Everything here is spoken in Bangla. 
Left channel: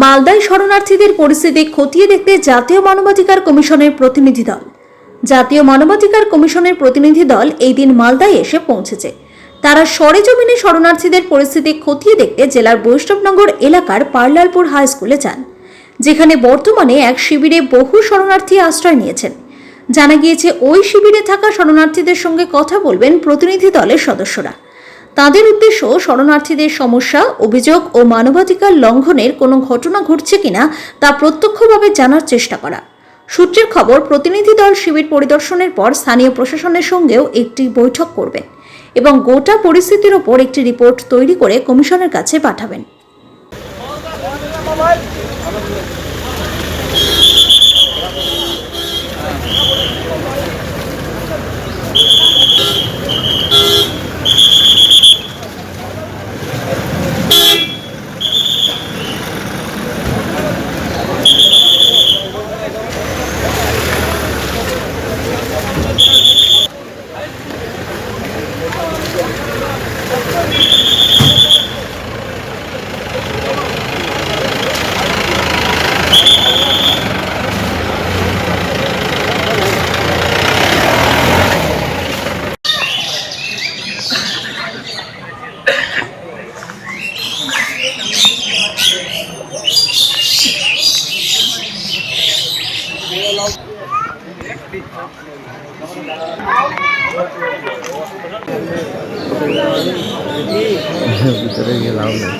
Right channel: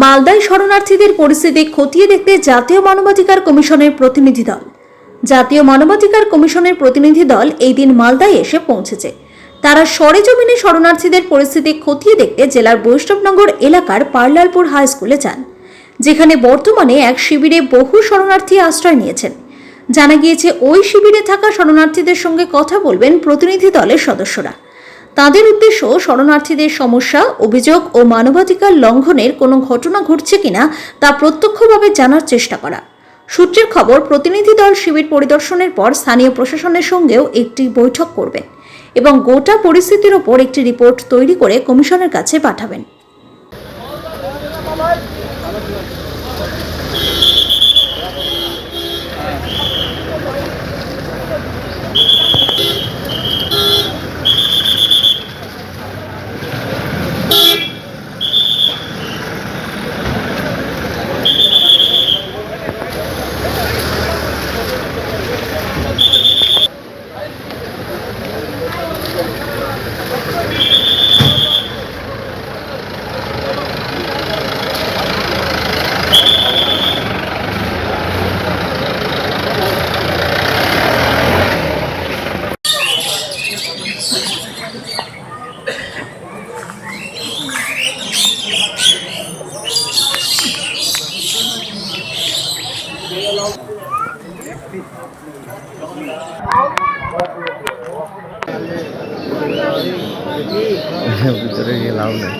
মালদায় শরণার্থীদের পরিস্থিতি খতিয়ে দেখতে জাতীয় মানবাধিকার কমিশনের প্রতিনিধি দল এই দিন মালদায় এসে পৌঁছেছে। তারা সরেজমিনে শরণার্থীদের পরিস্থিতি খতিয়ে দেখতে জেলার বৈষ্ণবনগর এলাকার পার্লালপুর হাই স্কুলে যান, যেখানে বর্তমানে এক শিবিরে বহু শরণার্থী আশ্রয় নিয়েছেন। জানা গিয়েছে, ওই শিবিরে থাকা শরণার্থীদের সঙ্গে কথা বলবেন প্রতিনিধি দলের সদস্যরা। তাদের উদ্দেশ্য শরণার্থীদের সমস্যা, অভিযোগ ও মানবাধিকার লঙ্ঘনের কোনো ঘটনা ঘটছে কিনা তা প্রত্যক্ষভাবে জানার চেষ্টা করা। সূত্রের খবর, প্রতিনিধি দল শিবির পরিদর্শনের পর স্থানীয় প্রশাসনের সঙ্গেও একটি বৈঠক করবেন এবং গোটা পরিস্থিতির ওপর একটি রিপোর্ট তৈরি করে কমিশনের কাছে পাঠাবেন। ভিতরে গিয়ে লাভ নেই।